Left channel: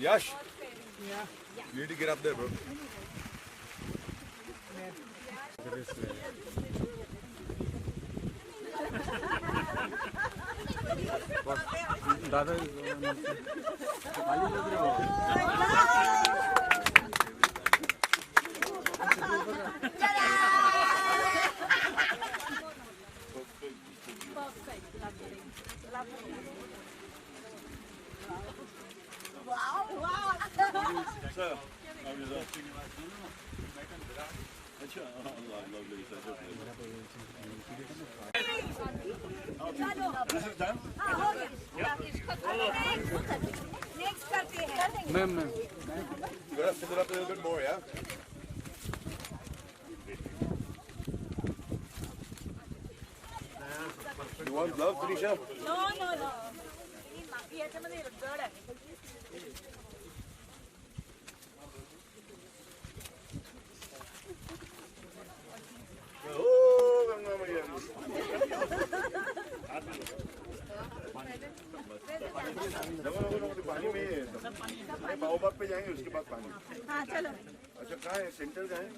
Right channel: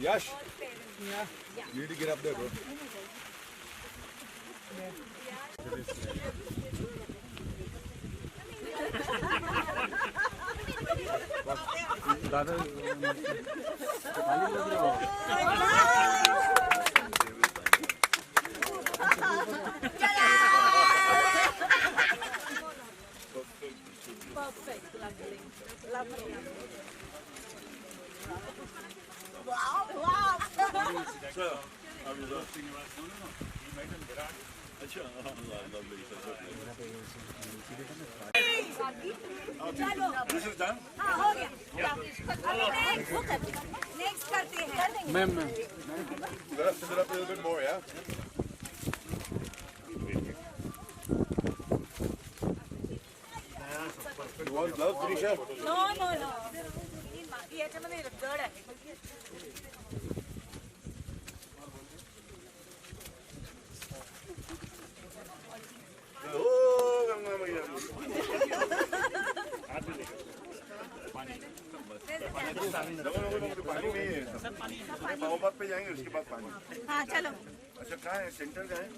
Yash, you need to get up there, bro. दादा next करते हैं ma'am you gotta fill it up a little bit more, yeah? You want love, Tanisha? No no no माफी याच्यामध्ये जड आहे पानी में बाओबाग पे जाएंगे उसके बाद पानी। हाँ चलो अच्छा कहाँ है सेंटर कहाँ है?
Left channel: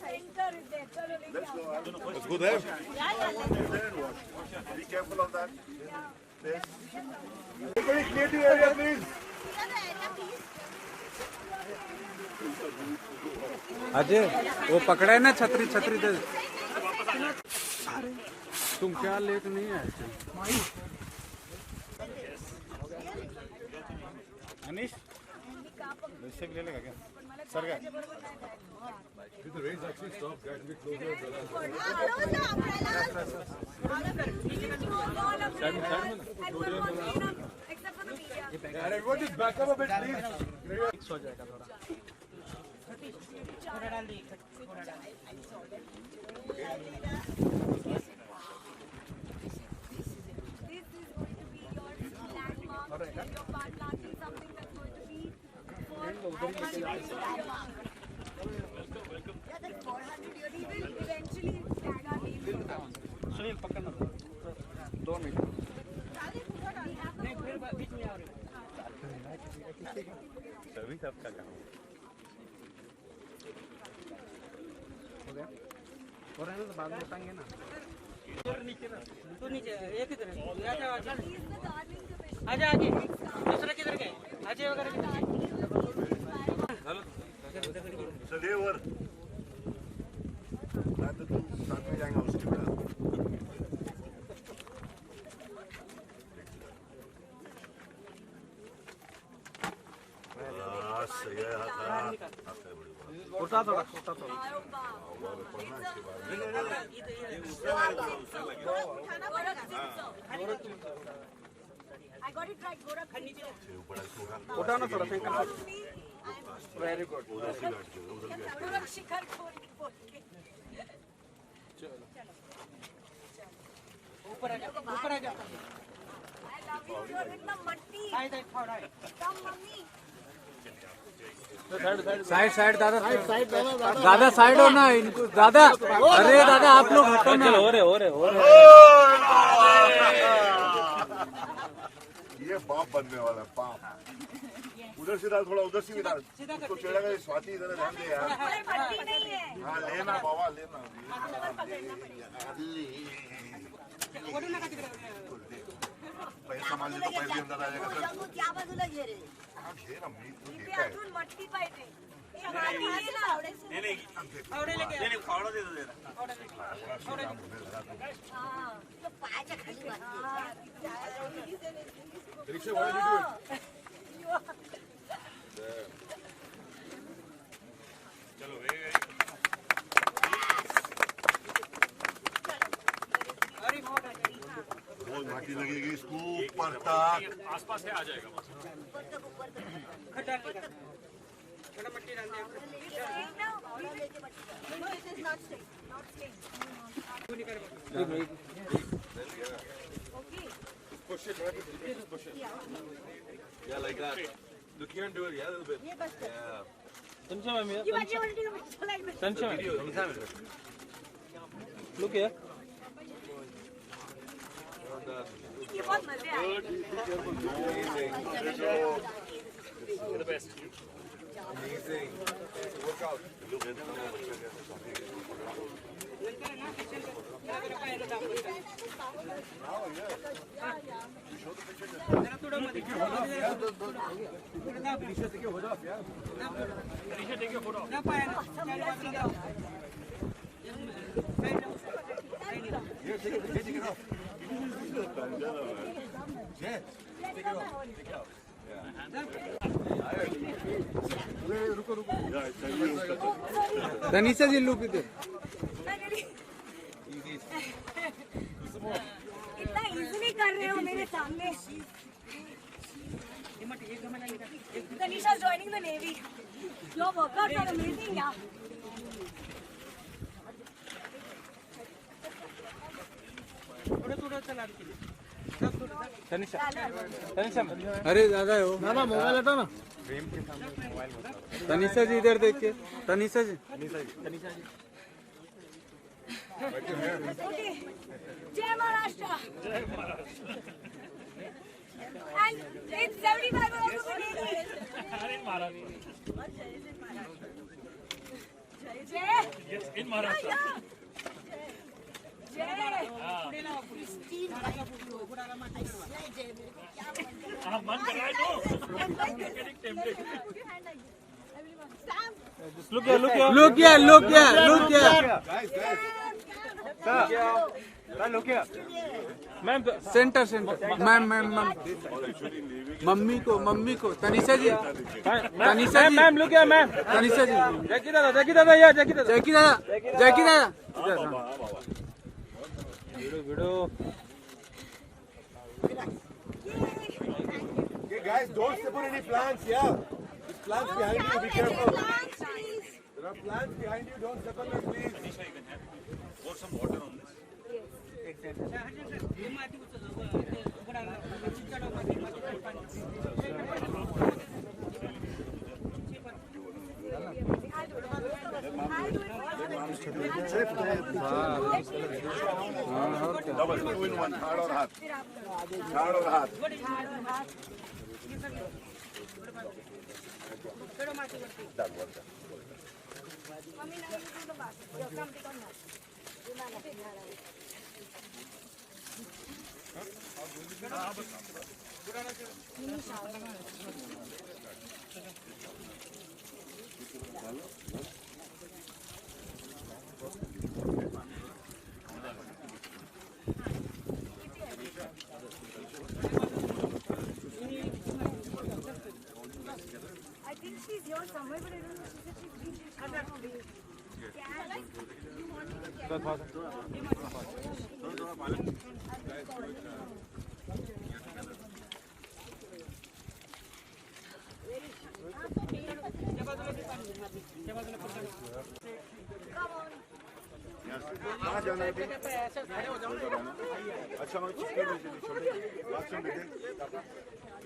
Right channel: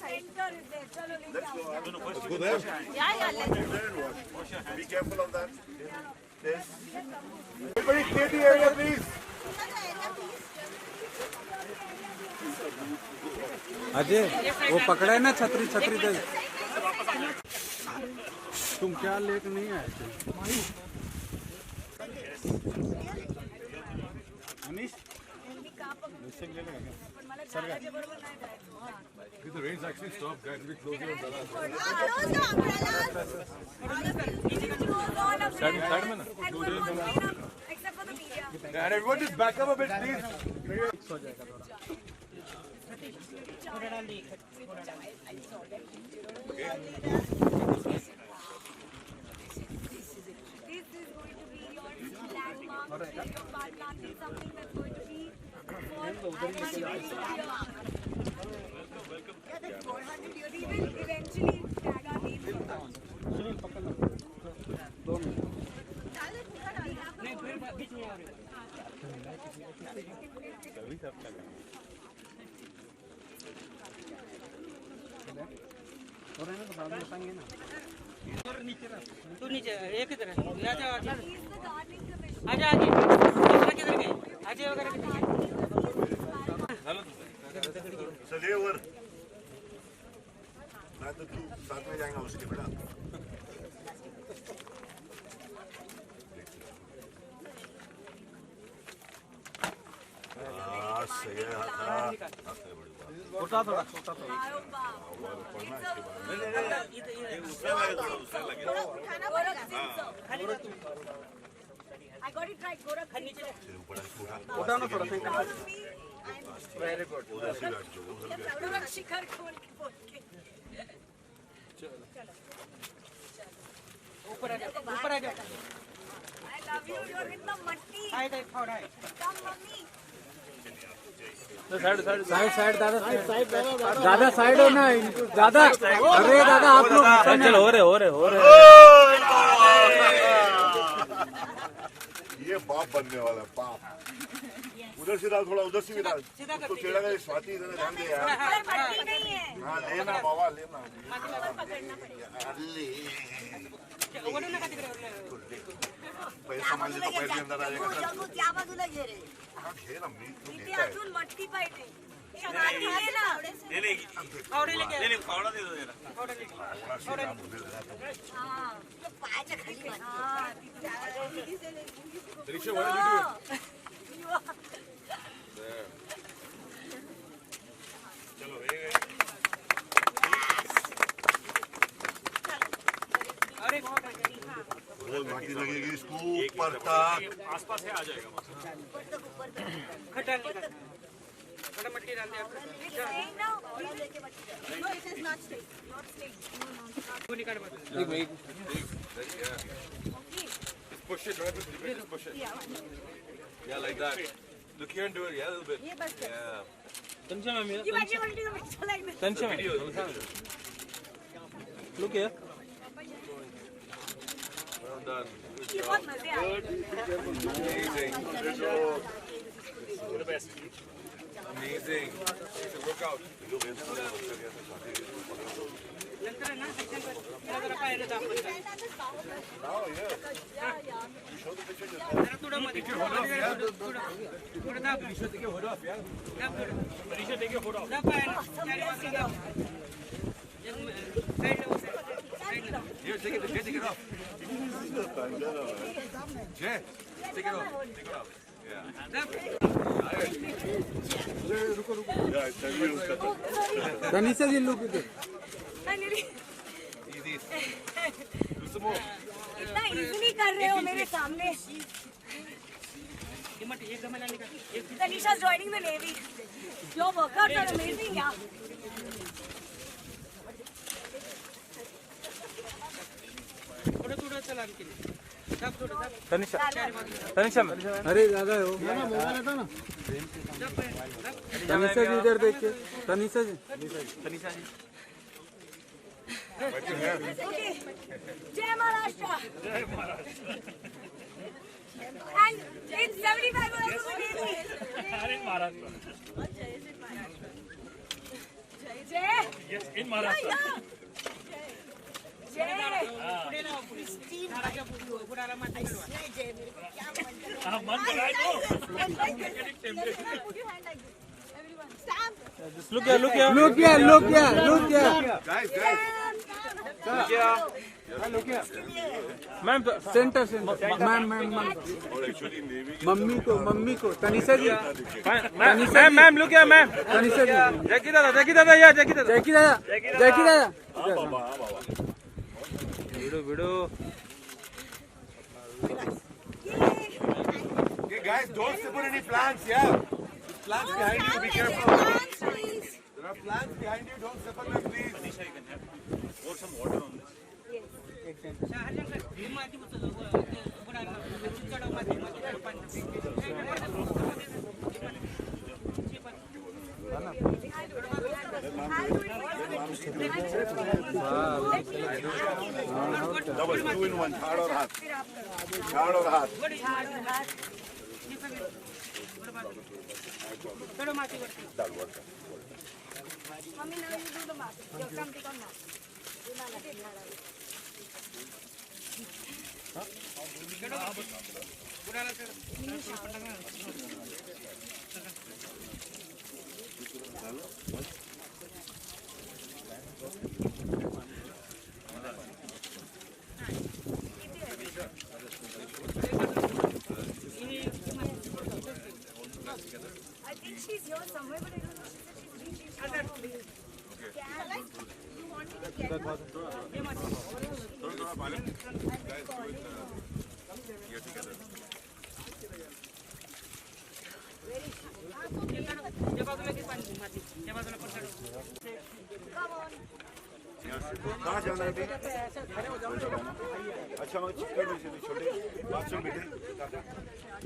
सेंटर इज देयर चलो Let's go there. There and wash. Be careful of that. Yes. Everybody clear the area, please. Ajay वो पकड़ा है ना छतरी छतरी दे तुम क्या लेट नहीं है अनीश वैसे भी ले लेगा क्या सर का Did the rains actually stop? Guys, be closer. And everyone just back up a bit, please. हो जाएगा थोड़ा सुनील पकड़ना 2 मिनट सर्विस आपका काम हो गया और है ना तो बाद में उठाएंगे ना तू नीचे एक इधर आजा आगे दूसरा किधर गए अजय वगैरह किधर गए चलिए वर मैं तो तुम साथ में जाएंगे उसके बाद सही है उठा थोड़ा उठा थोड़ा I got it right Gorakh उठा ना थोड़ा शंकर वेरी गुड गोरख शिखर खोल के ऊपर आ जा I love you you're in the मट्टी come मम्मी साइड साइड दादा दादा साइड हो ना इनको दादा अरे दादा आप लोग हटो ना हो रहे ये बाप बनने वाला है बाप उधर से डाल थोड़ा उधर से भी डाल उसको चढ़ेगा स्वाति इधर ध्यान दे यार मट्टी नहीं है हाँ लेना बाबा लेना पैसे संभाल ले तो पैसे अंदर आ जाएगा सर क्या बाजूला घे रे हाँ घेर अम्मी तू इथे घेर अजून मट्टी पाहिजे फावड़ा दे दो जरा पायाच्या खाली रिक्शा वाला वीडियो चलो बहुत माटी लगेगी इसको ऊपर तक आसपास है आ जाएगा खड्डा थोड़ा मट्टी डाल दे push it right just push it yeah like that look here and do it yeah a little bit yeah संचय में लुक हियर ये बहुत मजे आए Amazing. Workout. Look at them. Tanisha ji look इधर इतना इजीली कर रहे हो मेरे सामने Tanisha is joining the Navy. Your workouts are amazing, yeah. Tanisha Tanisha अरे दादा हो ना मोबाइल हटा ना तनिषा जी इधर देख के तनिषा जी Okay. Jai Maharashtra. And it's 75 also for Navy. Jai. Yes, in Maharashtra. Jai. look here ma'am centre ma'am mummy को Tanisha ji ma'am look here ma'am Tanisha ji Jackie दादा video Okay, guys, don't step on any plants, yeah? There's plants behind you, be careful. There are plants behind you, don't step on them, please. Pour some water on this. Double, 2 in 1, hard or hard? Hard or hard? I think she's here somewhere, but I don't know. She said she's reached. कहाँ जाना है? अच्छा मैं चिपके में चली छोटे बात सुन बेटे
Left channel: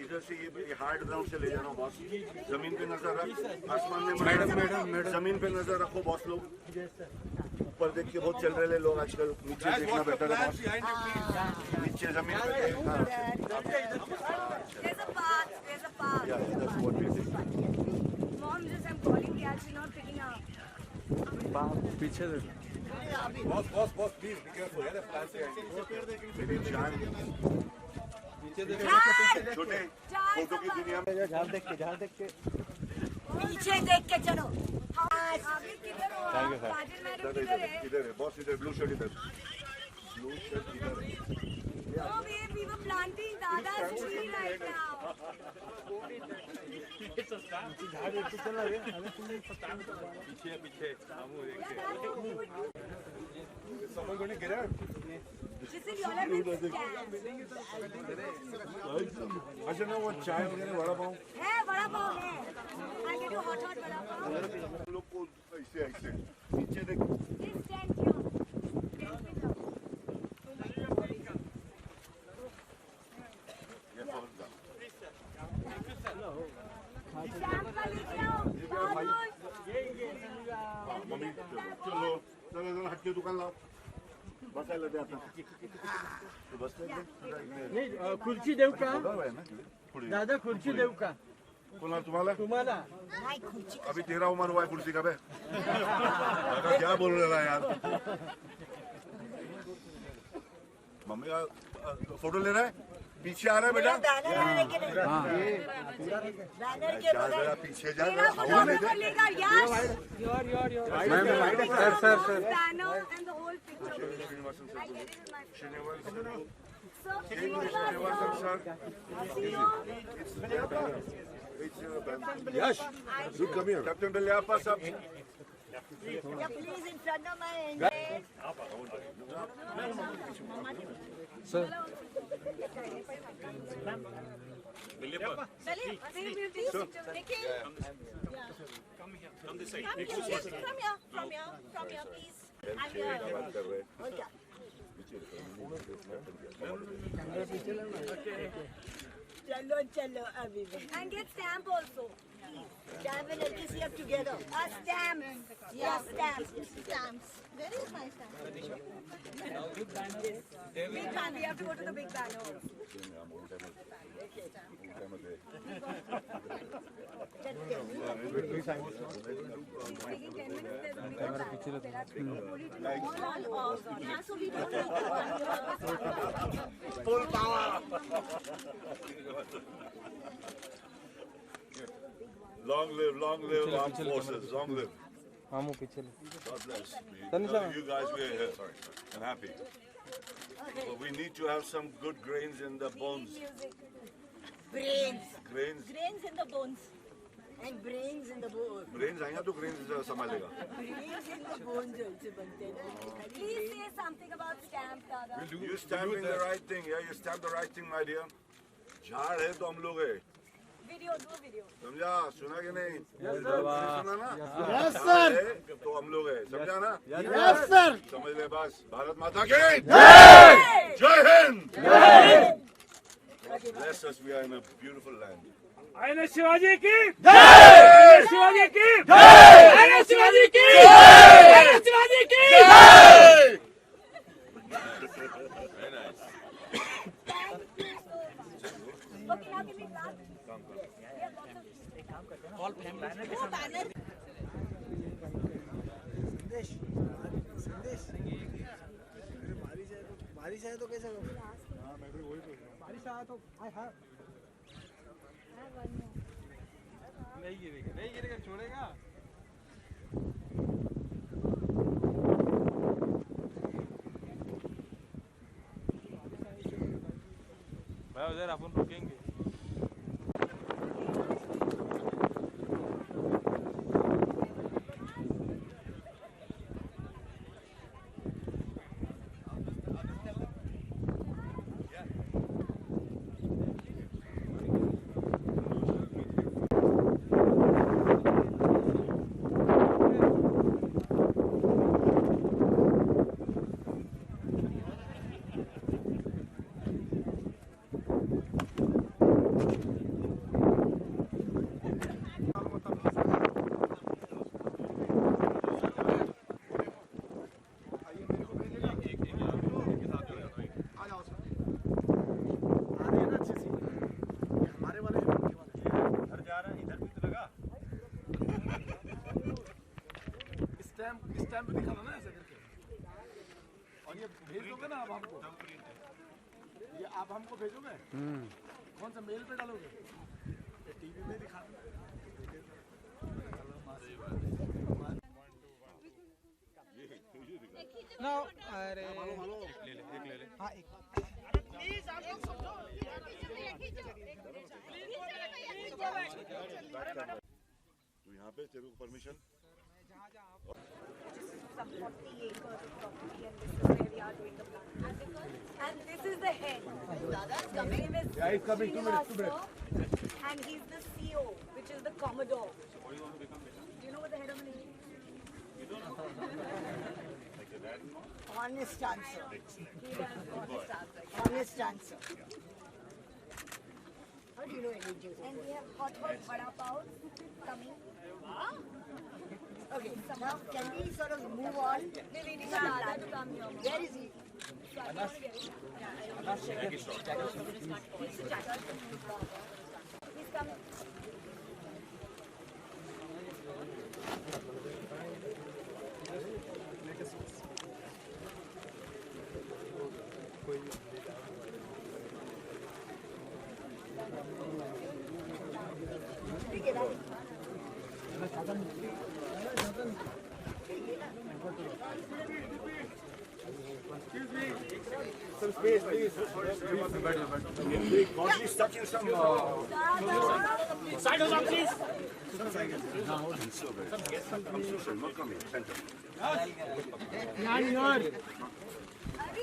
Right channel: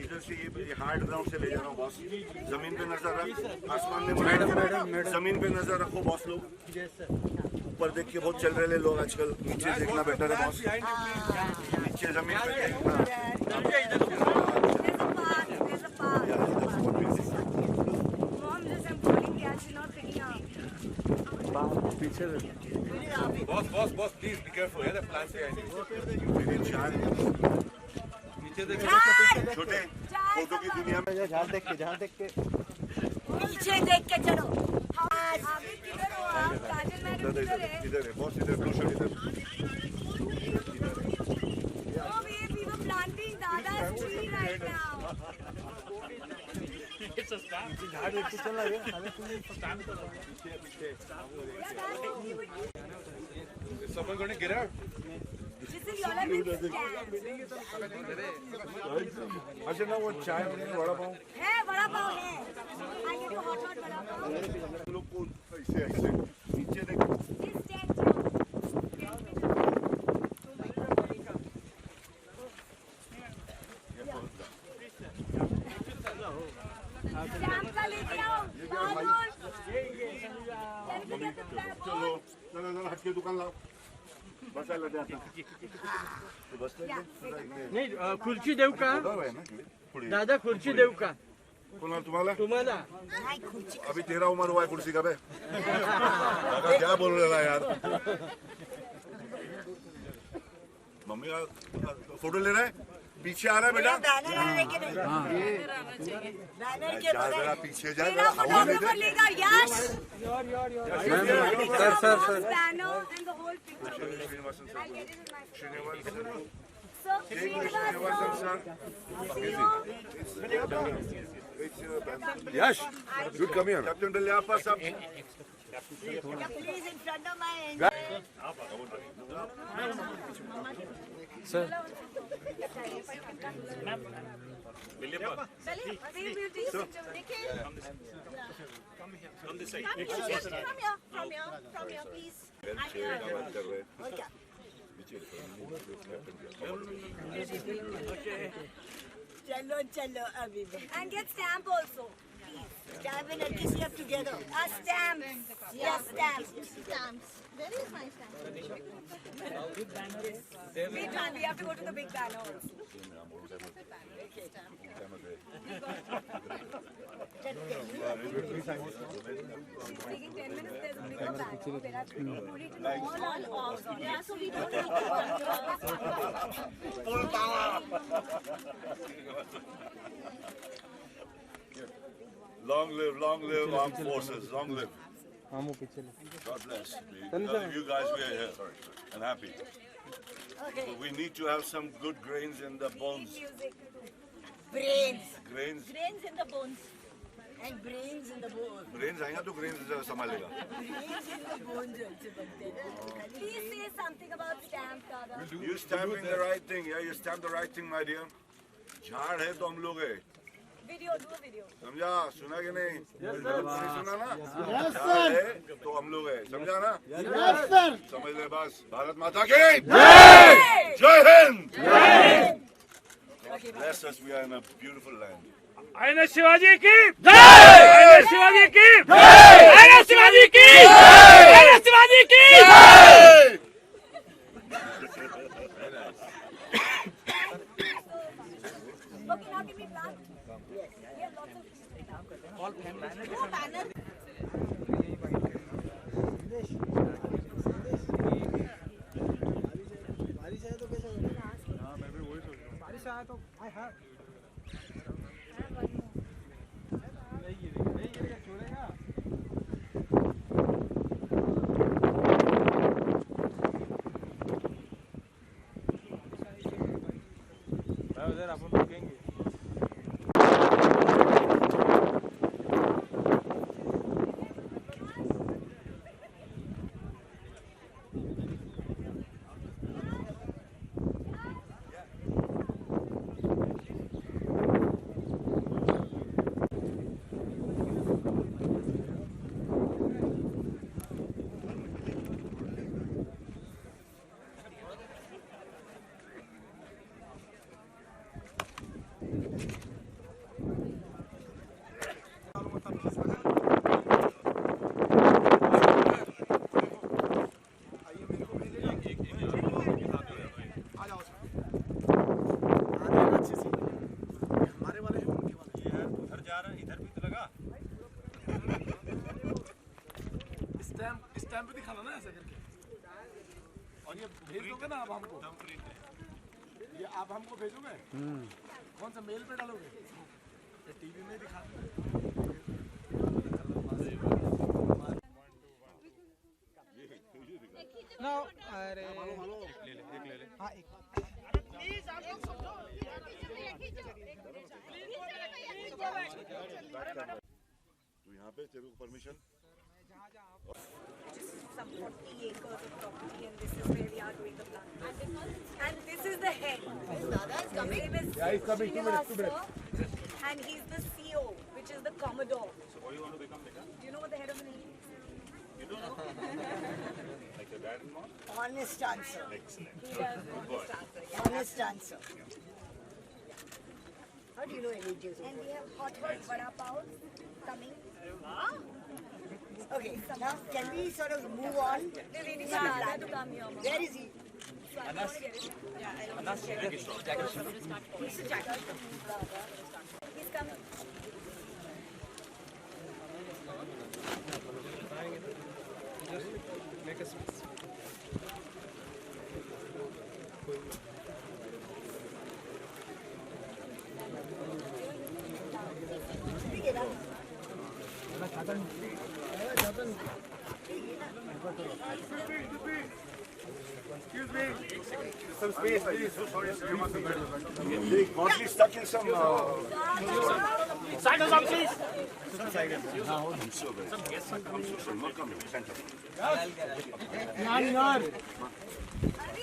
इधर से ये हार्ड ग्राउंड से ले जा रहा हूँ बॉस जमीन पे नजर रख आसमान में मैडम जमीन पे नजर रखो बॉस लोग ऊपर देख के बहुत चल रहे लोग आजकल नीचे देखना बेटर है बॉस नीचे जमीन पे There's a path. There's a path. Yeah, that's what we did. Mom, just I'm calling the she's not picking up. पीछे Boss, please be careful. Yeah, the plants behind you. मेरी जान छोटे photo की दुनिया में झाल देख के पीछे देख के चलो हाँ आगे किधर हो आप? काजल मैडम किधर है? इधर है बॉस इधर ब्लू शर्ट इधर Oh babe, we were planting Dada's tree right now. Is someone going to get out? Listen, y'all have been scammed. अच्छा ना वो चाय वगैरह वड़ा पाव है बड़ा पाव है I'll get you hot बड़ा पाव हम लोग को ऐसे नीचे देख This stand here. Stand पे जाओ. ये कौन सा Sham का लेके आओ. बाबू. मम्मी चलो चलो हट के दुकान लाओ बसायला द्या आता. तू बसतोय का? नाही खुर्ची देऊ का बरोबर आहे ना? पुढे. दादा खुर्ची देऊ का कोणाला तुम्हाला? तुम्हाला नाही खुर्ची अभी तेरा उम्र हुआ है कुर्सी का बे. दादा क्या बोल रहा है यार? मम्मी का फोटो ले रहा है? पीछे आ रहा है बेटा? बैनर आने के लिए बैनर के जा जरा पीछे जा मेरा जरा हवा में दे. लेगा yes sir banner and the whole picture Srinivasan I get it in my Srinivasan sir Srinivasan sir. see you Yes. Come here. Captain Beliapa sir. yeah, please in front of my engine sir चलिए please देखिए From this side. from here please I'm here okay चलो चलो अभी and get stamp also stamp and LKCF together a stamp yes stamp stamps where is my stamp big banner we have to go to the big banner Full power. Long live armed forces. Long live. हम पीछे God bless. You guys were here. I'm happy. But we need to have some good grains in the bones. brains Grains. grains in the bones and brains in the bones Brains आएगा तो grains संभालेगा. brains in the bones also बनते हैं please say something about stamp dada You stamping the right thing. Yeah, you stamp the right thing, my dear. झाड़ है तो हम लोग है. video do video समझा? सुना कि नहीं? सुना ना? Yes, झाड़ है तो हम लोग है. समझा ना? Yes, sir. समझ ले बस. भारत माता की जय Hind. Bless us. We are in a beautiful land. आयना शिवाजी की जय शिवाजी की जय आयना शिवाजी की जय आयना शिवाजी की जय okay now give me glass All family. banner बारिश आए तो कैसे बारिश आया तो नहीं गिरेगा छोड़ेगा भाई उधर अपन रुकेंगे स्टैम्प दिखाना ना ऐसा करके और ये भेज दोगे ना आप हमको ये आप हमको भेजोगे कौन सा मेल पे डालोगे ये टीवी में दिखा No, अरे ले ले हाँ एक प्लीज आप लोग समझो तो यहाँ पे तेरे को permission. some 40 acres of property and this is where we are doing the plan. And this is the head. Dada's coming. His name is Srinivasa, and he's the CEO, which is the Commodore. Do you know what the head of an is? You don't know? Honest answer. He does honest answer. Honest answer. How do you know any And we have hot vada pav coming. Okay, now can we sort of move on? We're waiting for Dada to come here. Where is he? He's coming. Some space, please. Godly stuck in some. Side over, please. I'm so sorry. Not coming. Center. अरे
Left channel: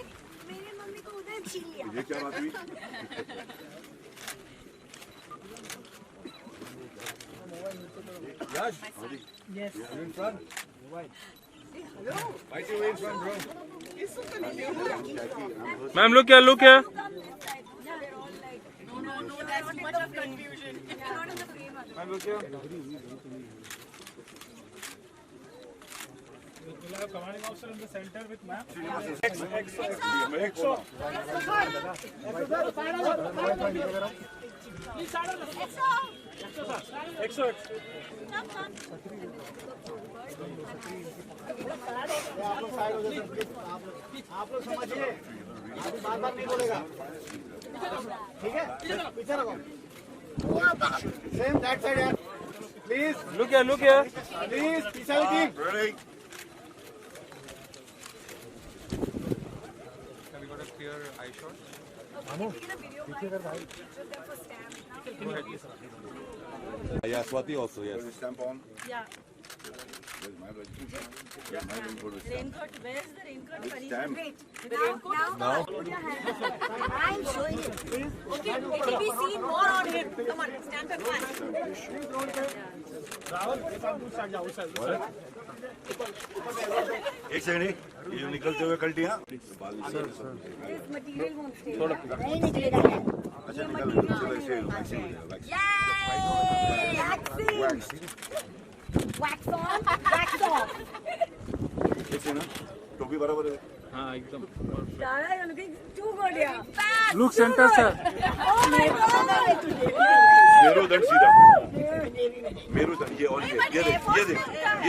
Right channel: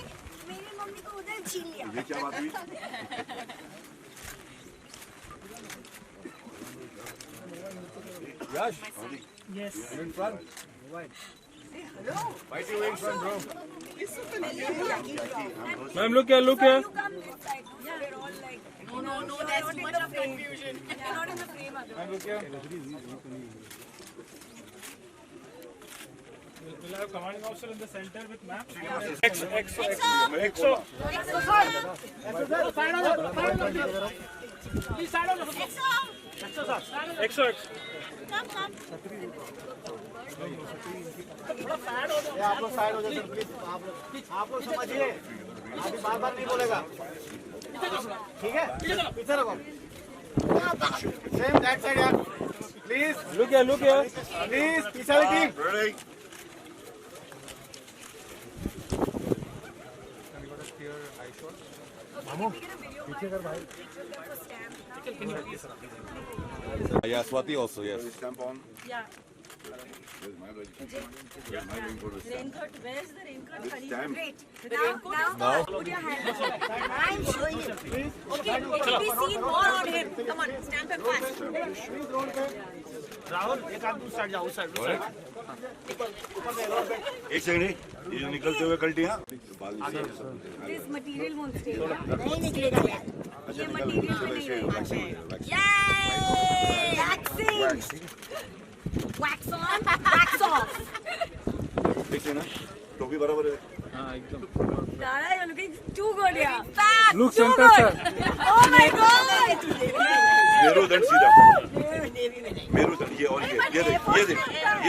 मेरी mummy को उधर छीन लिया. ये क्या बात हुई? Yash, Yes. you in front? Hello. Why is you in front, bro? Ma'am, look here, look here. Come this side. They're all like, no, that's too much of confusion. You're not in the frame. Ma'am, look here. We'll have a commanding officer in the center with map. आप लोग समझिए, अभी बार-बार नहीं बोलेगा, ठीक है? पीछे रखो। Same that side, यार. Please, Look here, look here. please, पीछे वाली team. Ready? Have you got a clear eye shot? Yeah, Swati also, yes. Stamp on. Yeah. Where's my registration? Yeah, my raincoat is stamped. Raincoat. Where's the raincoat? Stamp. Wait. Now. Put your hand up. I'm showing it. Okay. It will be seen more on him. Come on. Stand up fast. एक second ये निकलते हुए कल्टियां This material won't stay. अच्छा निकल चलो ऐसे vaccine Yay! Vaccine. Wax on. Wax off. ऐसे ना टोपी बराबर है हाँ एकदम. Dada, you're looking too good here. Fast. Look center, sir. Oh my God. मेरुदंड सीधा मेरुदंड ये और ये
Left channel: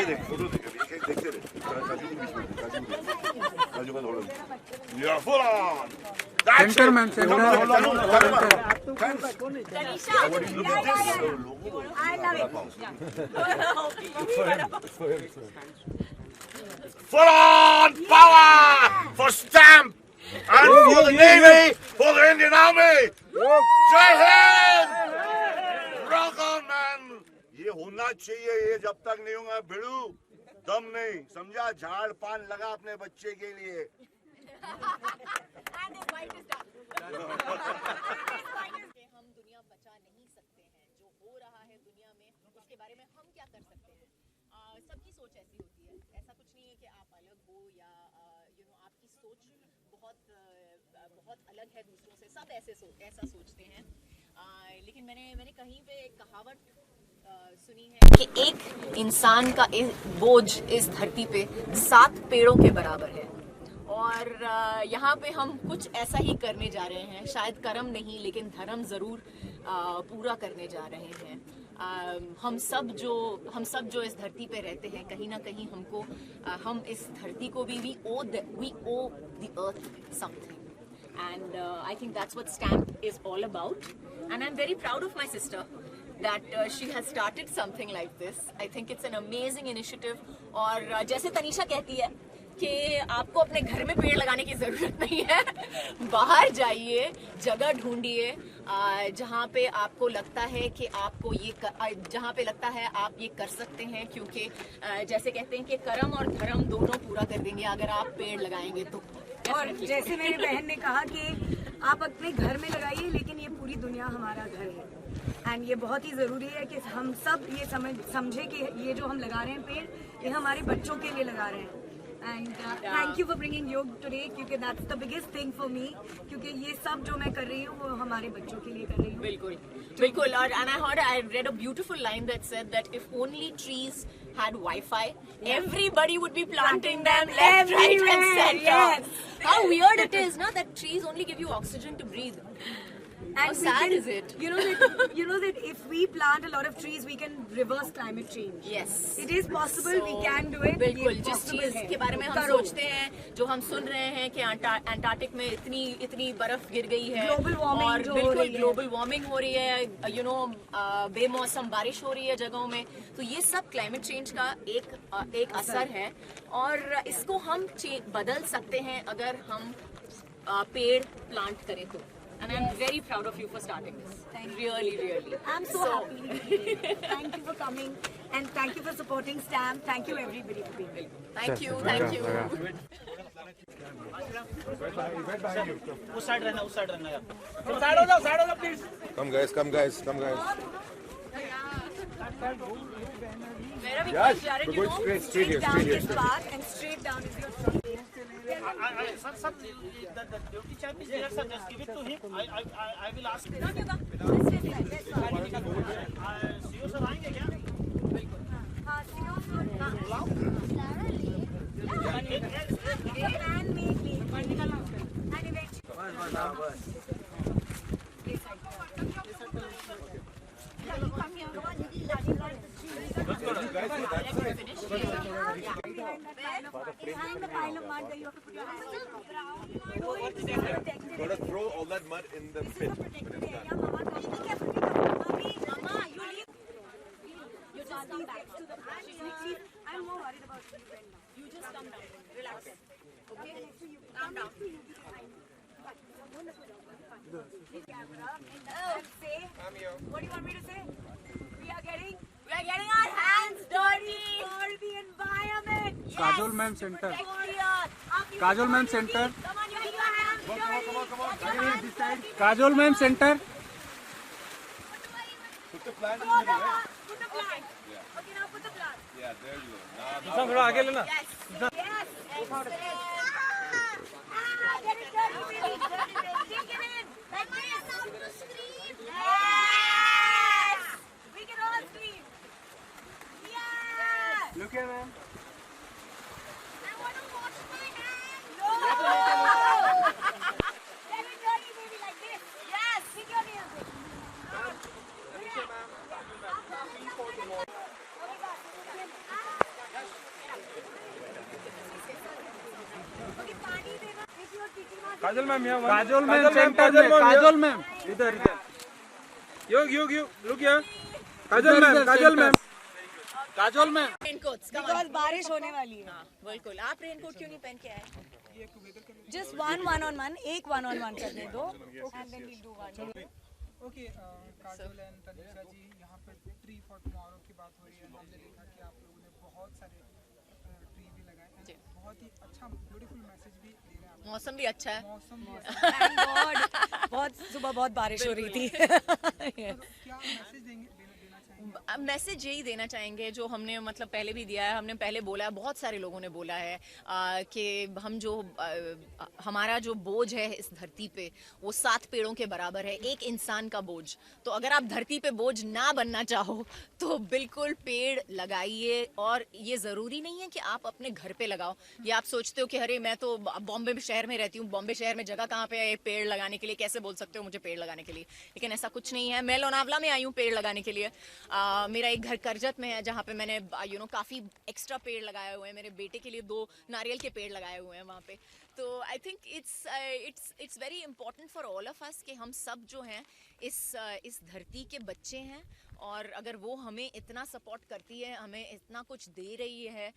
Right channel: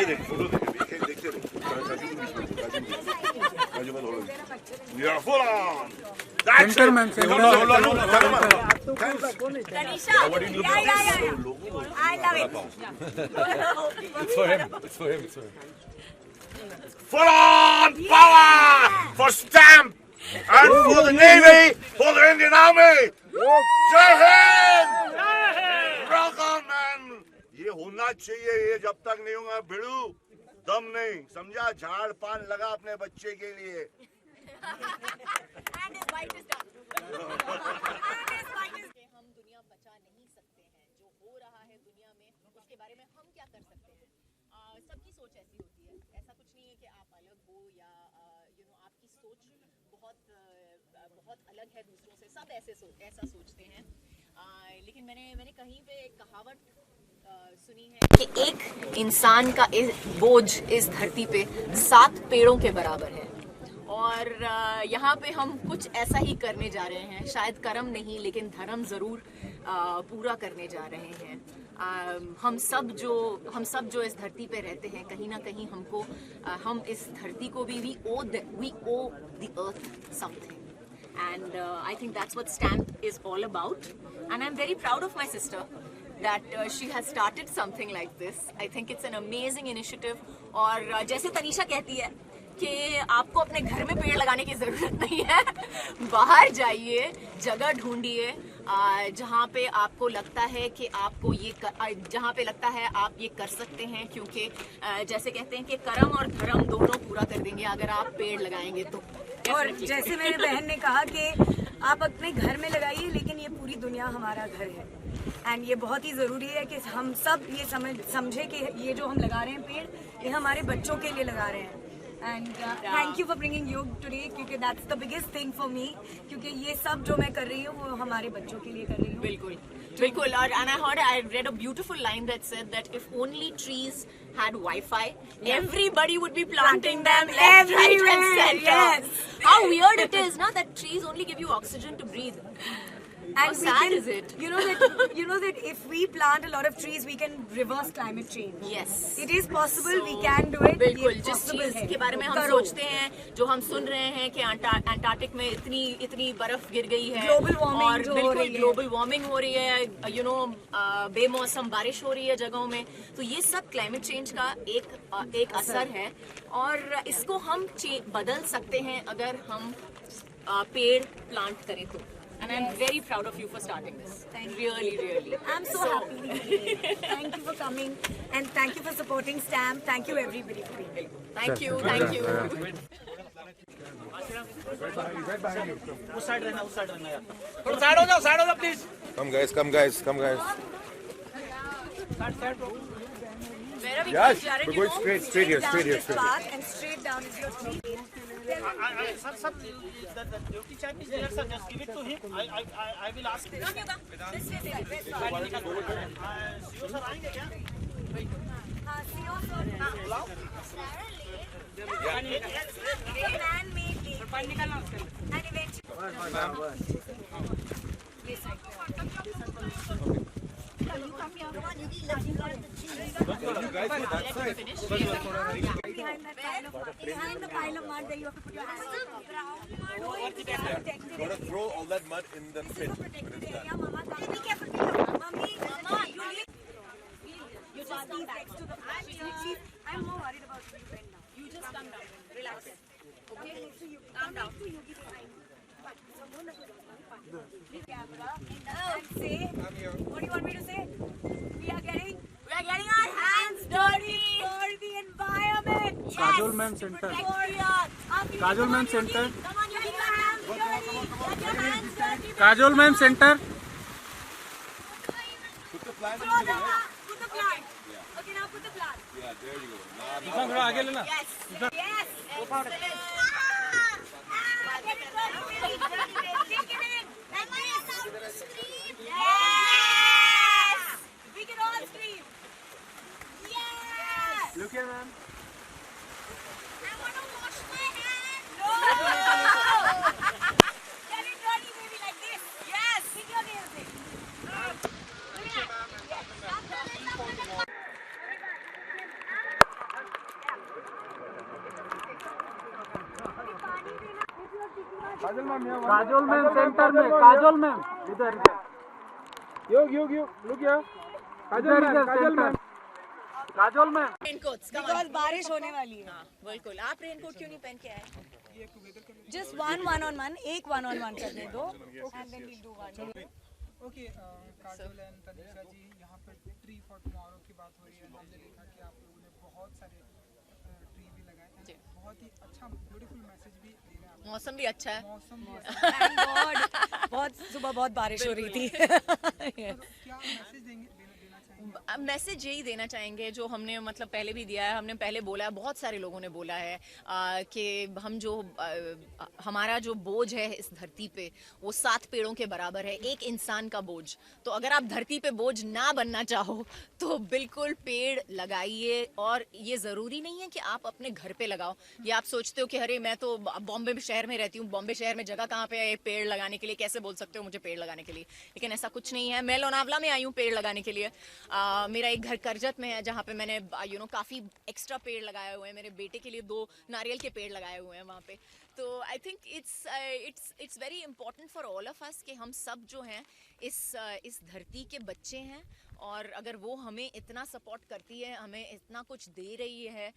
देख फोटो देख देखते रहे काजू का थोड़ा या full on Center, man, center. Tanisha. I love it. full on power for stamp and for the Navy, for the Indian Army. Jai Hind! Rock on, man! ये होना चाहिए ये जब तक नहीं होगा भिड़ू दम नहीं समझा झाड़ पान लगा अपने बच्चे के लिए And his wife is done. हम दुनिया बचा नहीं सकते हैं जो हो रहा है दुनिया में उसके बारे में हम क्या कर सकते हैं सबकी सोच ऐसी होती है ऐसा कुछ नहीं है कि आप अलग हो या आपकी सोच बहुत अलग है दूसरों से सब ऐसा सोचते हैं लेकिन मैंने कहीं पे एक कहावत सुनी है कि एक इंसान का बोझ इस धरती पे 7 पेड़ों के बराबर है और यहाँ पे हम कुछ ऐसा ही करने जा रहे हैं शायद कर्म नहीं लेकिन धर्म ज़रूर पूरा करने जा रहे हैं हम सब जो इस धरती पे रहते हैं कहीं ना कहीं हम इस धरती को भी we owe the earth something and I think that's what Stamp is all about and I'm very proud of my sister that she has started something like this. I think it's an amazing initiative और जैसे तनीषा कहती है कि आपको अपने घर में पेड़ लगाने की ज़रूरत नहीं है बाहर जाइए जगह ढूंढिए जहाँ पे आपको लगता है कि आपको जहाँ पे लगता है आप ये कर सकते हैं क्योंकि जैसे कहते हैं कि कर्म और धर्म दोनों पूरा कर देंगे अगर आप पेड़ लगाएंगे तो और जैसे मेरी बहन ने कहा कि आप अपने घर में लगाइए लेकिन ये पूरी दुनिया हमारा घर है एंड ये बहुत ही ज़रूरी है कि हम सब ये समझे कि ये जो हम लगा रहे हैं पेड़ ये हमारे बच्चों के लिए लगा रहे हैं And thank you for bringing योग today, क्योंकि that's the biggest thing for me. क्योंकि ये सब जो मैं कर रही हूँ वो हमारे बच्चों के लिए कर रही हूँ. बिल्कुल बिल्कुल. और I read a beautiful line that said that if only trees had Wi-Fi, everybody would be planting them left, right, and center. Yes. How weird it is, na, that trees only give you oxygen to breathe. How And we sad can- is it? You know that if we plant a lot of trees, we can reverse climate change. Yes. It is possible. We can do it. बिल्कुल. ये जिस possible चीज है. के बारे में हम करो. सोचते हैं, जो हम सुन रहे हैं कि अंटार्कटिक में इतनी बर्फ गिर गई है, Global warming और जो हो बिल्कुल रही है. ग्लोबल वार्मिंग हो रही है, बेमौसम बारिश हो रही है जगहों में, तो ये सब क्लाइमेट चेंज का एक असर है, और इसको हम बदल सकते हैं अगर हम पेड़ प्लांट करें तो. And I'm very proud of you for starting this. Really, really. I'm so happy. Thank you for coming and thank you for supporting STAM. Thank you everybody for being here. Thank you, thank you. उस side रहना यार. Side हो जाओ please. Come guys, come guys, come guys. Where are we Yes, going, Jared? we're You going know? straight here, Down straight here. this path and straight down is your front. Sir, the duty chap is there, sir. Just give it to him. I will ask. No, no, no. This way, this way. CEO sir आएंगे क्या? हाँ, see you soon. हाँ. They plan me, and eventually. Behind the pile of mud that you have to put your hands on. Gotta throw all that mud in the pit. Protected area. Mama, come. Be careful, be careful. Mama, you leave. You just come back to the plant. I'm more worried about you right now. You just come down. Relax. Okay? Calm down. And say, what do you want me to say? We are getting our hands dirty for the environment. Kajol ma'am center. Protect the earth. Kajol ma'am center. Come on, you keep your hands dirty. Kajol ma'am center. Put the plant in Put the middle, right? the plant. Okay, now put the plant. Yeah, there you go. Now, sir थोड़ा आगे लेना. Yes. Excellent. Get it dirty, baby. Take it in. Like this. Yes. We can all scream. Yes. Look here ma'am. I want to wash my hands. No. Get it dirty, baby, like this. Yes. Pick your nails in. Okay, पानी देना. If you are teaching us. Kajal ma'am यहाँ. Kajol ma'am center में. Kajol ma'am. इधर. योग look here. Kajal ma'am. Kajol ma'am. Raincoats, come on. Because बारिश होने वाली है. हाँ, बिल्कुल. आप रेनकोट क्यों नहीं पहन के आए? Just one-on-one. एक one-on-one करने दो. And then we'll do one. Okay Kajol and Tanisha ji, यहाँ पर ट्री फॉर टुमारो की बात हो रही है. हमने देखा कि आप लोगों ने बहुत सारे ट्री भी लगाए हैं. बहुत ही अच्छा ब्यूटीफुल मैसेज भी दे रहे हैं आप. मौसम भी अच्छा है. मौसम Thank God. बहुत सुबह बहुत बारिश हो रही थी. क्या मैसेज देना चाहेंगे? मैसेज यही देना चाहेंगे जो हमने मतलब पहले भी दिया है. हमने पहले बोला है, बहुत सारे लोगों ने बोला है कि हम जो हमारा जो बोझ है इस धरती पे वो 7 पेड़ों के बराबर है, एक इंसान का बोझ. तो अगर आप धरती पे बोझ ना बनना चाहो तो बिल्कुल पेड़ लगाइए. और ये ज़रूरी नहीं है कि आप अपने घर पे लगाओ. या आप सोचते हो कि अरे मैं तो बॉम्बे शहर में रहती हूँ, बॉम्बे शहर में जगह कहाँ पे है पेड़ लगाने के लिए, कैसे बोल सकते हो मुझे पेड़ लगाने के लिए. लेकिन ऐसा कुछ नहीं है. मैं लोनावला में आई हूँ पेड़ लगाने के लिए. मेरा एक घर करजत में है जहाँ पे मैंने काफ़ी एक्स्ट्रा पेड़ लगाए हुए हैं. मेरे बेटे के लिए 2 नारियल के पेड़ लगाए हुए हैं वहाँ पे. तो I think it's very important for all of us कि हम सब जो हैं इस धरती के बच्चे हैं. और अगर वो हमें इतना सपोर्ट करती है, हमें इतना कुछ दे रही है,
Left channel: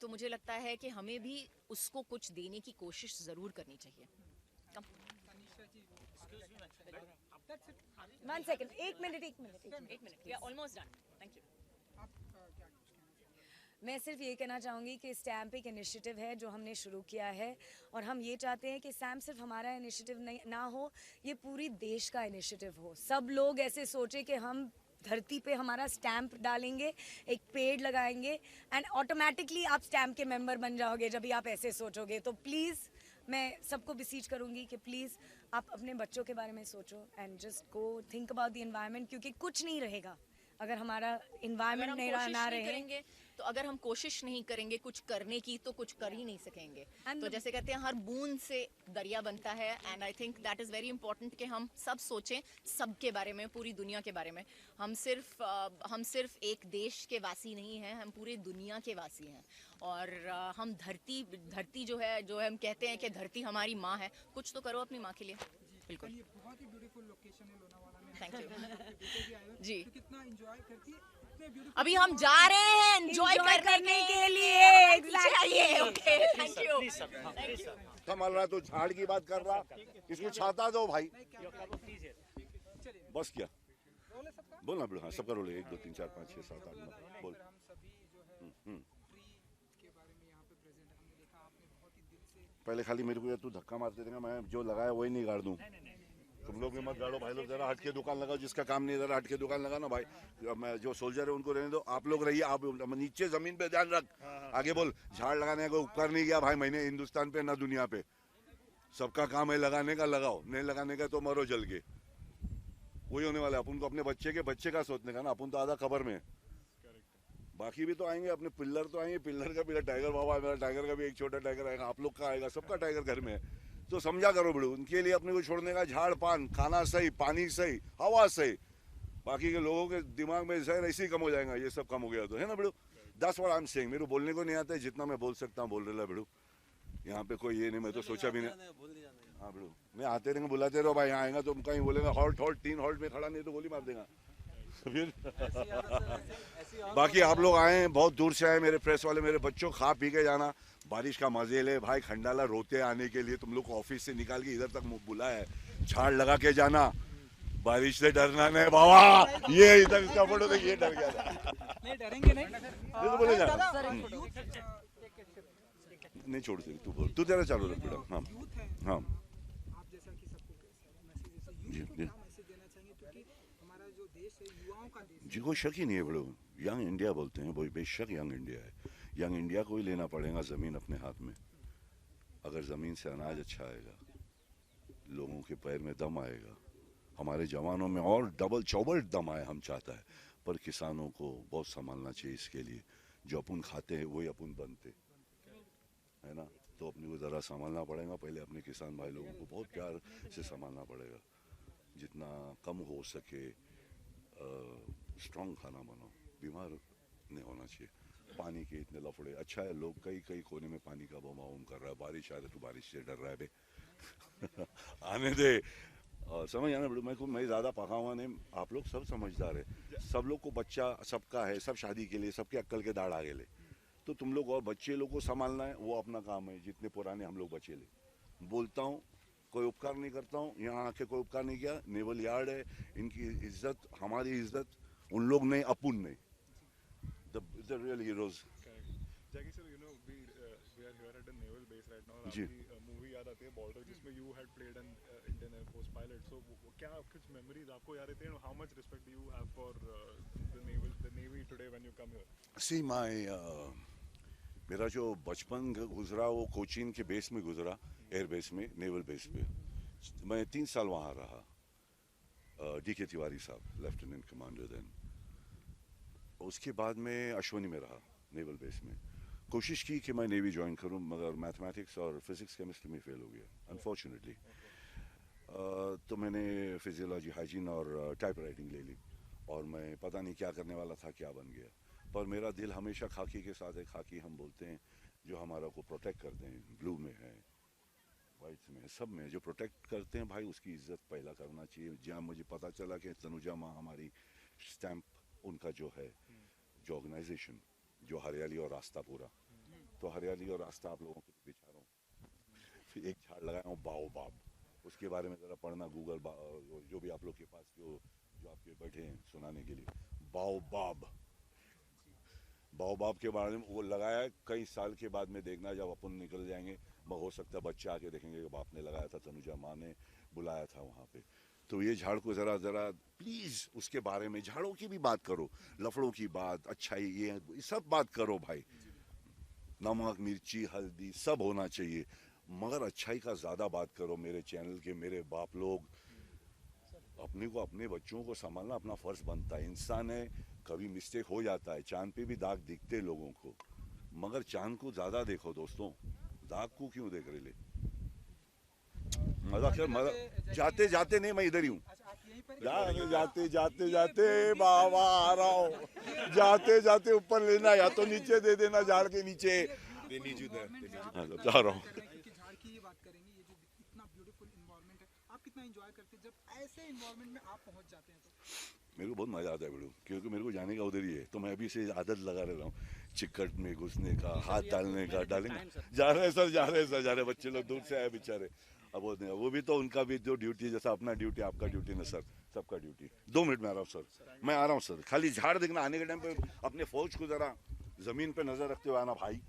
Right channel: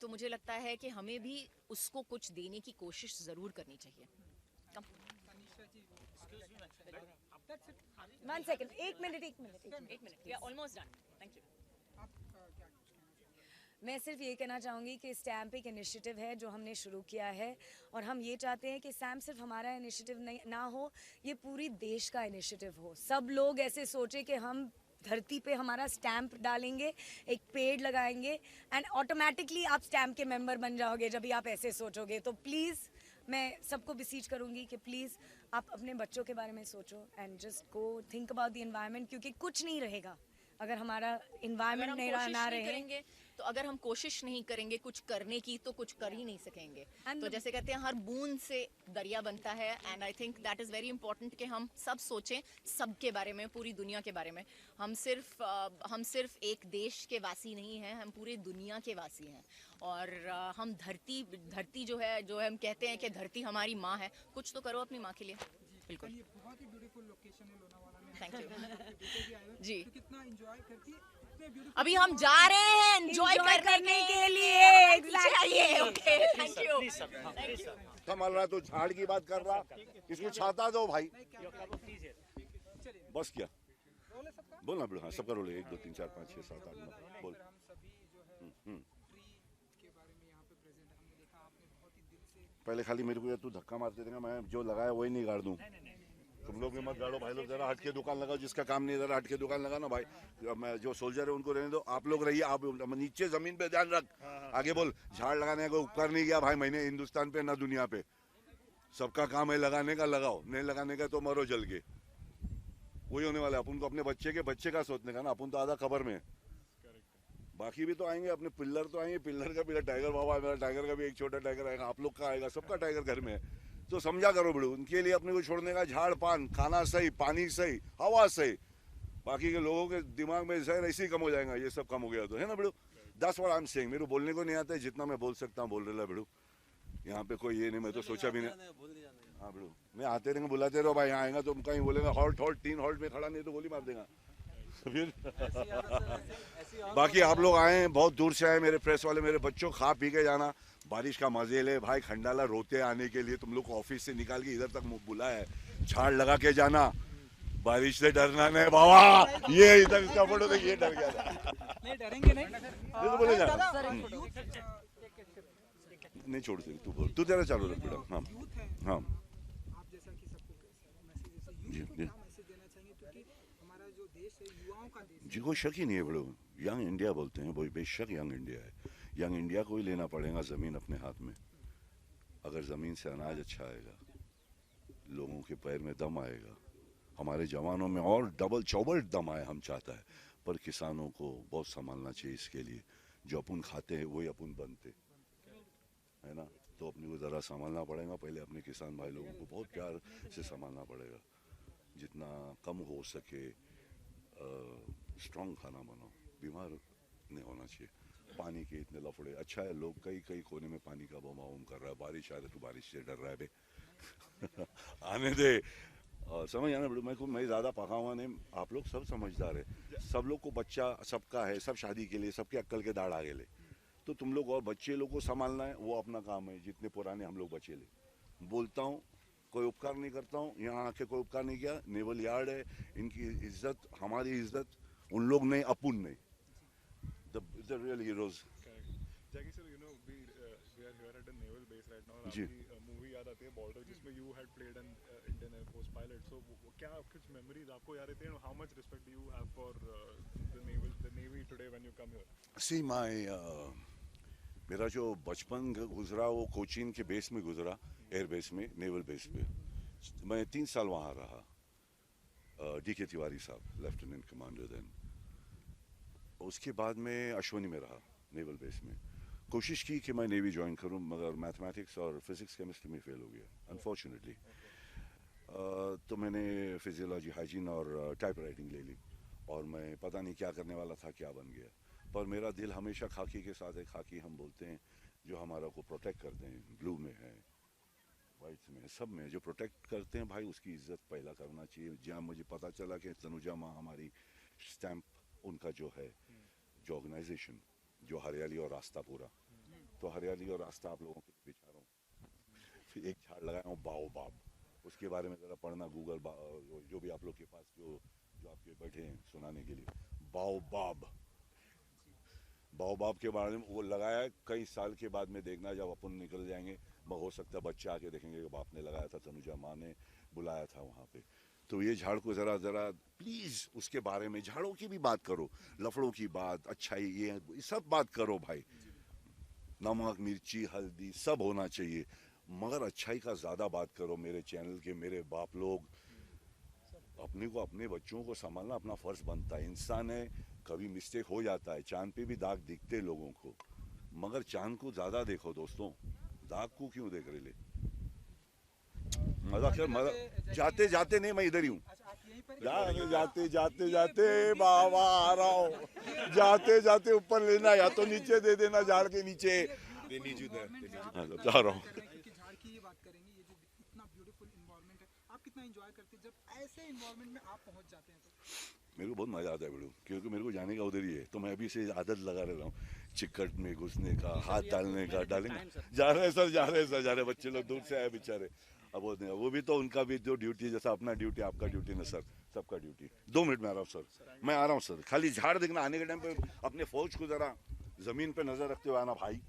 तो मुझे लगता है कि हमें भी उसको कुछ देने की कोशिश ज़रूर करनी चाहिए. One second. एक minute. Yeah, almost done. Thank you. मैं सिर्फ ये कहना चाहूँगी कि स्टैम्प एक इनिशिएटिव है जो हमने शुरू किया है. और हम ये चाहते हैं कि स्टैम्प सिर्फ हमारा इनिशिएटिव ना हो, ये पूरी देश का इनिशिएटिव हो. सब लोग ऐसे सोचे कि हम धरती पे हमारा स्टैम्प डालेंगे, एक पेड़ लगाएंगे एंड ऑटोमेटिकली आप स्टैम्प के मेंबर बन जाओगे जब भी आप ऐसे सोचोगे। तो प्लीज़ मैं सबको बिसीच करूँगी कि प्लीज़ आप अपने बच्चों के बारे में सोचो and just go think about the environment, क्योंकि कुछ नहीं रहेगा अगर हमारा अगर एनवायरनमेंट हम नहीं कोशिश ना नहीं रहे। करेंगे तो अगर हम कोशिश नहीं करेंगे कुछ करने की तो कुछ कर ही नहीं सकेंगे। And तो the- जैसे कहते हैं हर बूंद से दरिया बनता है and I think that is very important कि हम सब सोचें सबके बारे में, पूरी दुनिया के बारे में। हम सिर्फ एक देश के वासी नहीं हैं, हम पूरी दुनिया के वासी हैं। और हम धरती जो है हम कहते हैं कि धरती हमारी माँ है, कुछ तो करो अपनी माँ के लिए। बिल्कुल, ये बहुत ही ब्यूटीफुल लोकेशन है लोनावाला में। थैंक यू बेटे भी आए हो, जी। तो कितना एंजॉय करती है, इतने beautiful अभी हम जा रहे हैं एंजॉय Enjoy करने के लिए, चाहिए। Okay, thank you, thank you. संभाल रहा तो झाड़ की बात कर रहा, इसको छाता दो भाई। बस क्या बोल ना, हाँ सबका रोल है, 1 2 3 4 5 6 7 8 9 बोल। हम सभी जो है ट्री के बारे में यहाँ पे प्रेजेंट है। हमने देखा आपने बहुत ही दिल से पहले खाली मेरे को तू धक्का मारते देगा, मैं जो लगाया वही नहीं गाड़ दूं। तुम लोग भी मत गाड़ो भाई लोग, जरा हट के दुकान लगाओ, जिसका काम नहीं जरा हट के दुकान लगा ना भाई। मैं जो सोल्जर है उनको रहने दो, आप लोग रहिए, आप नीचे जमीन पे ध्यान रख। आगे बोल, झाड़ लगाने का उपकार नहीं किया भाई मैंने हिंदुस्तान पे ना दुनिया पे। सबका काम है लगाने का, लगाओ, नहीं लगाने का तो मरो जल के। वही होने वाला है। अपन को अपने बच्चे का सोचने का ना, अपन तो आधा खबर में। बाकी भी तो आएंगे, अपने पिल्लर तो आएंगे, पिल्लर का भी टाइगर बाबा है, मेरा टाइगर का भी एक छोटा टाइगर आएगा, आप लोग का आएगा, सबका टाइगर घर में है। तो समझा करो बड़ू, उनके लिए अपने को छोड़ने का झाड़ पान, खाना सही, पानी सही, हवा सही। बाकी के लोगों के दिमाग में जहर ऐसे ही कम हो जाएगा, ये सब कम हो गया तो है ना बड़ू। 10 बार आई एम सेइंग, मेरे को बोलने को नहीं आता है, जितना मैं बोल सकता हूँ बोल रहा है बड़ू। यहाँ पे कोई ये नहीं, मैं तो सोचा भी नहीं। हाँ बड़ू, मैं आते रहेंगे, बुलाते रहो भाई, यहाँ आएगा तो कहीं बोलेगा हॉल्ट 3 हॉल्ट में खड़ा नहीं तो गोली मार देगा फिर। बाकी आप लोग आए हैं, बहुत दूर से आए, मेरे प्रेस वाले, मेरे बच्चों, खा पी के जाना, बारिश का मजे ले भाई। खंडाला रोते आने के लिए तुम लोग को ऑफिस से निकाल के इधर तक बुलाया है, झाड़ लगा के जाना, बारिश से डरना नहीं बाबा। ये इधर इसका फोटो देखिए, ये डर गया था। नहीं डरेंगे नहीं। ये तो बोले जा नहीं छोड़ सकती, तू बोल, तू तेरा चालू रख बेटा। हाँ हाँ आप जैसा कि सबको मैसेज जी यूथ को जी क्या मैसेज देना चाहेंगे, क्योंकि हमारा जो देश है युवाओं का देश जी, कोई शक ही नहीं है बड़ो। यंग इंडिया बोलते हैं, वही बेशक यंग इंडिया है। यंग इंडिया को ही लेना पड़ेगा ज़मीन अपने हाथ में। अगर ज़मीन से अनाज अच्छा आएगा, लोगों के पैर में दम आएगा, हमारे जवानों में और डबल चौबल दम आए, हम चाहता है। पर किसानों को बहुत संभालना चाहिए इसके लिए। जो अपन खाते हैं वही अपन बनते है ना, तो अपने को ज़रा संभालना पड़ेगा। पहले अपने किसान भाई लोगों को बहुत प्यार से संभालना पड़ेगा, जितना कम हो सके। स्ट्रॉन्ग खाना बनाओ, बीमार नहीं होना चाहिए। पानी के इतने लफड़े, अच्छा है लोग कई कोने में पानी का बमाउम कर रहा है, बारिश आ रही तो बारिश से डर रहा है बे आने दे। समझ आना बड़ू, मैं ज़्यादा पका हुआ नहीं, आप लोग सब समझदार है। सब लोग को बच्चा सबका है, सब शादी के लिए, सबके अक्कल के दाढ़ आगे ले। तो तुम लोग और बच्चे लोग को संभालना है, वो अपना काम है। जितने पुराने हम लोग बचे ले, बोलता हूँ कोई उपकार नहीं करता हूँ, यहाँ आके कोई उपकार नहीं किया। नेवल यार्ड है, इनकी इज्जत, हमारी इज्जत, उन लोग नहीं अपुन नहीं। The real heroes. Jackie sir, you know, we are here at a naval base right now. जी। आपकी मूवी याद आती है बॉर्डर, जिसमें you had played an Indian Air Force pilot. So क्या कुछ memories आपको याद आती हैं? How much respect do you have for the Navy today when you come here? सी माई मेरा जो बचपन गुजरा वो कोचीन के बेस में गुजरा, एयर बेस में, नेवल बेस पे। मैं 3 साल वहाँ रहा। DK तिवारी साहब लेफ्टिनेंट कमांडर देन। उसके बाद में अश्वनी में रहा, नेवल बेस में। कोशिश की कि मैं नेवी ज्वाइन करूं, मगर मैथमेटिक्स और फिजिक्स केमिस्ट्री में फेल हो गया अनफॉर्चुनेटली। तो मैंने फिजियोलॉजी, हाइजीन और टाइप राइटिंग ले ली, और मैं पता नहीं क्या करने वाला था, क्या बन गया। पर मेरा दिल हमेशा खाकी के साथ है। खाकी हम बोलते हैं जो हमारा को प्रोटेक्ट करते हैं, ब्लू में है, वाइट्स में है, सब में जो प्रोटेक्ट करते हैं भाई, उसकी इज्जत पहला करना चाहिए। जहाँ मुझे पता चला कि तनुजा माँ हमारी स्टैम्प, उनका जो है जो ऑर्गेनाइजेशन, जो हरियाली और रास्ता पूरा, तो हरियाली और रास्ता आप लोगों को बिछा रहा हूँ। फिर एक झाड़ लगाया हूँ बाओबाब, उसके बारे में ज़रा पढ़ना गूगल, जो भी आप लोग के पास जो आपके बैठे हैं सुनाने के लिए। बाओबाब के बारे में वो लगाया है। कई साल के बाद में देखना, जब अपन निकल जाएंगे, हो सकता है बच्चे आके देखेंगे कि बाप ने लगाया था, तनुजा माँ ने बुलाया था वहाँ पे। तो ये झाड़ को ज़रा ज़रा प्लीज़ उसके बारे में, झाड़ों की भी बात करो, लफड़ों की बात, अच्छाई, ये सब बात करो भाई। नमक मिर्ची हल्दी सब होना चाहिए, मगर अच्छाई का ज़्यादा बात करो। मेरे चैनल के मेरे बाप लोग, अपने को अपने बच्चों को संभालना अपना फ़र्ज़ बनता है। इंसान है, कभी मिस्टेक हो जाता है, चांद पे भी दाग दिखते लोगों को, मगर चांद को ज़्यादा देखो दोस्तों, दाग को क्यों देख रहे ले। मजा जाते जाते नहीं, मैं इधर ही हूँ, जाते जाते जाते बाबा आ रहा हूँ, जाते जाते ऊपर लेना या तो नीचे दे देना, झाड़ के नीचे They need you there. They need you. जा रहा हूँ। क्योंकि झाड़ की ये बात करेंगे, ये जो इतना ब्यूटीफुल इन्वायरमेंट है, आप कितना एंजॉय करते हैं जब ऐसे इन्वायरमेंट में आप पहुंच जाते हैं? तो मेरे को बहुत मज़ा आता है बेड़ू, क्योंकि मेरे को जाने का उधर ही है, तो मैं अभी से आदत लगा रहा हूँ चिकट में घुसने का, हाथ डालने का। डालेंगे, जा रहे हैं सर, जा रहे हैं सर, जा रहे हैं। बच्चे लोग दूर से आए बेचारे, अब वो भी तो उनका भी जो ड्यूटी, जैसा अपना ड्यूटी आपका ड्यूटी ना सर, सबका ड्यूटी। 2 मिनट में आ रहा हूँ सर, मैं आ रहा हूँ सर। खाली झाड़ देखना, आने के टाइम पे अपने फौज को ज़रा ज़मीन पे नज़र रखते हुए आना भाई।